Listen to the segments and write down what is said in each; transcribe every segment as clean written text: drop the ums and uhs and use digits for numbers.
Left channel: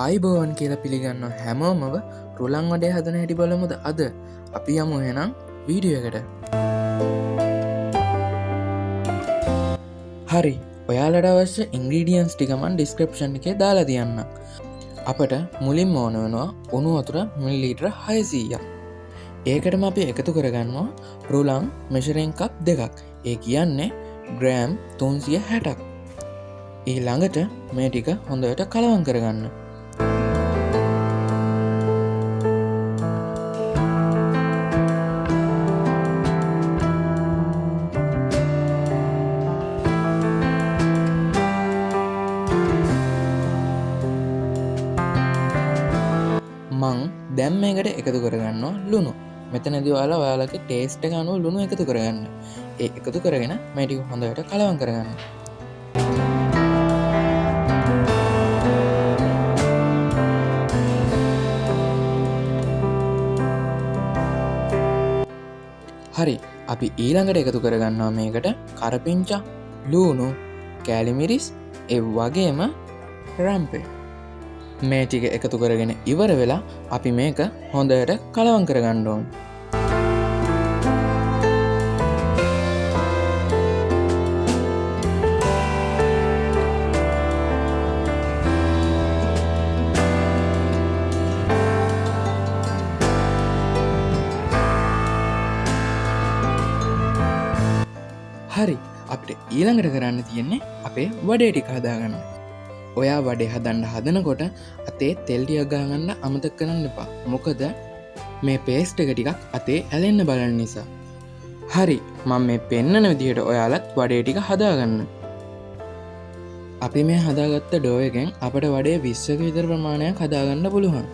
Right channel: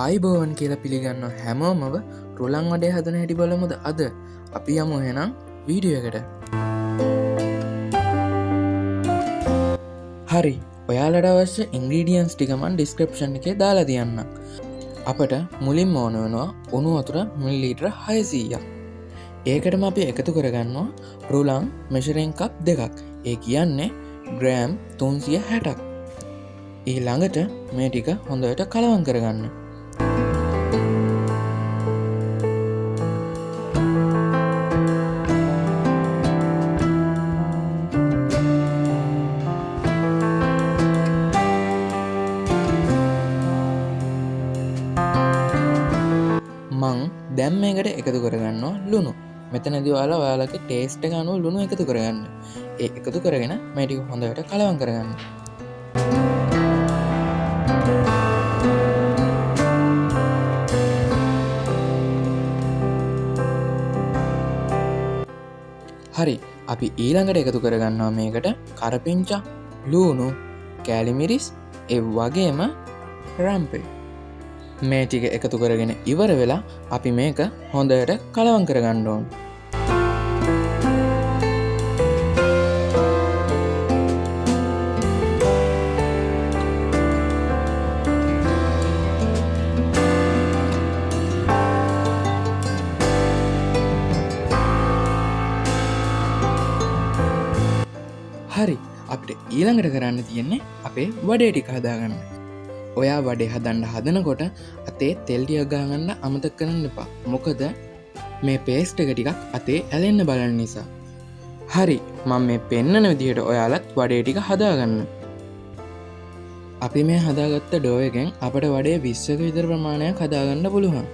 ආයිබෝවන් කියලා පිළිගන්න හැමෝමව රුලං වඩේ හදන හැටි බලමුද අද අපි යමු හෙනම් වීඩියකට. හරි ඔයාලට අවශ්‍ය ඉංග්‍රීඩියන්ස් ටිකමන් ඩිස්ක්‍රප්ෂන් එකේ දාලා තියන්න. අපට මුලින් ඕන වෙනවා උණු වතුර මිලිලීටර 600ක්. ඒකටම අපි එකතු කරගන්නවා රුලං මෙෂරෙන් කප් දෙකක්. ඒ කියන්නේ ග්‍රෑම් 360ක්. ඊළඟට මේ ටික හොඳට කලවම් කරගන්න. මං දැම් මේකට එකතු කරගන්නවා ලුණු. මෙතනදි ඔයාලගේ ටේස්ට් එක අනුව ලුණු එකතු කරගන්න. ඒ එකතු කරගෙන මේ ටික හොඳට කලවම් කරගන්න. හරි අපි ඊළඟට එකතු කරගන්නවා මේකට කරපිංචා, ලූණු, කෑලිමිරිස් ඒ වගේම රම්පේ. මේ ටික එකතු කරගෙන ඉවර වෙලා අපි මේක හොඳට කලවම් කරගන්න ඕන. හරි අපිට ඊළඟට කරන්න තියෙන්නේ අපේ වඩේ ටික හදාගන්න. ඔයා වඩේ හදන්න හදනකොට අතේ තෙල් ටිකක් ගහගන්න අමතක කරන්න එපා. මොකද මේ පේස්ට් එක ටිකක් අතේ ඇලෙන්න බලන නිසා. හරි මම මේ පෙන්නන විදිහට ඔයාලත් වඩේ ටික හදාගන්න. අපි මේ හදාගත්ත ඩෝ එකෙන් අපට වඩේ 20ක විතර ප්‍රමාණයක් හදාගන්න පුළුවන්.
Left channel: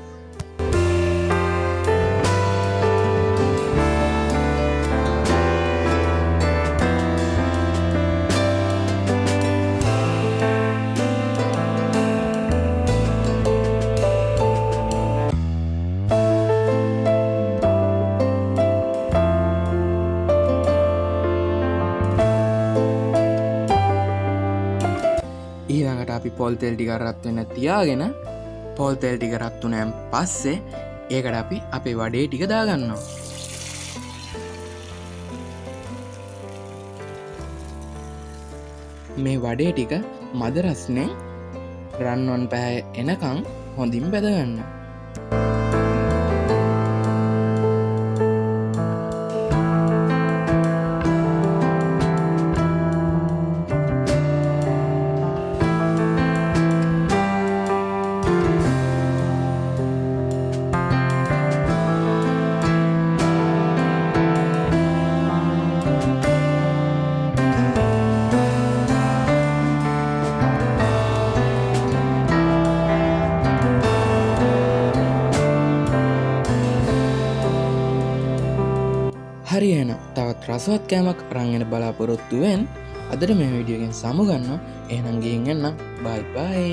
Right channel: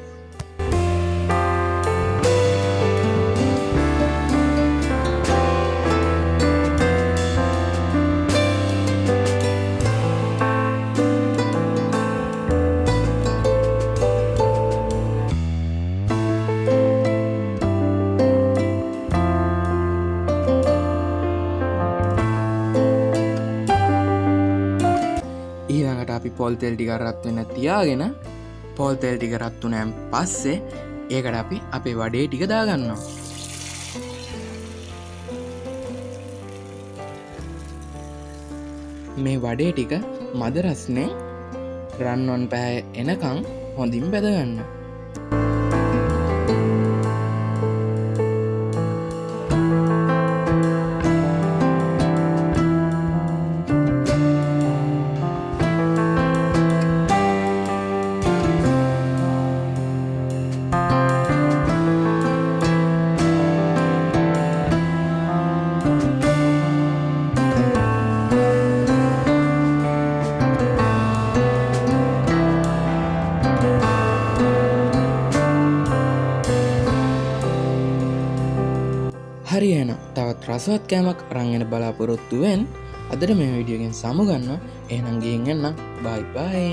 ඊළඟට අපි පොල් තෙල් ටික රත් වෙන්න තියාගෙන පොල් තෙල් ටික රත් වුණාන් පස්සේ ඒකට අපි අපේ වඩේ ටික දාගන්නවා. මේ වඩේ ටික මද රස්නේ රන්වන් පැහැ එනකම් හොඳින් බැදගන්න. හරි එහෙනම් තවත් රසවත් කෑමක් අරන් එන බලාපොරොත්තුවෙන් අදට මේ වීඩියෝ එකෙන් සමුගන්න. එහෙනම් ගිහින් එන්න. බයි බයි.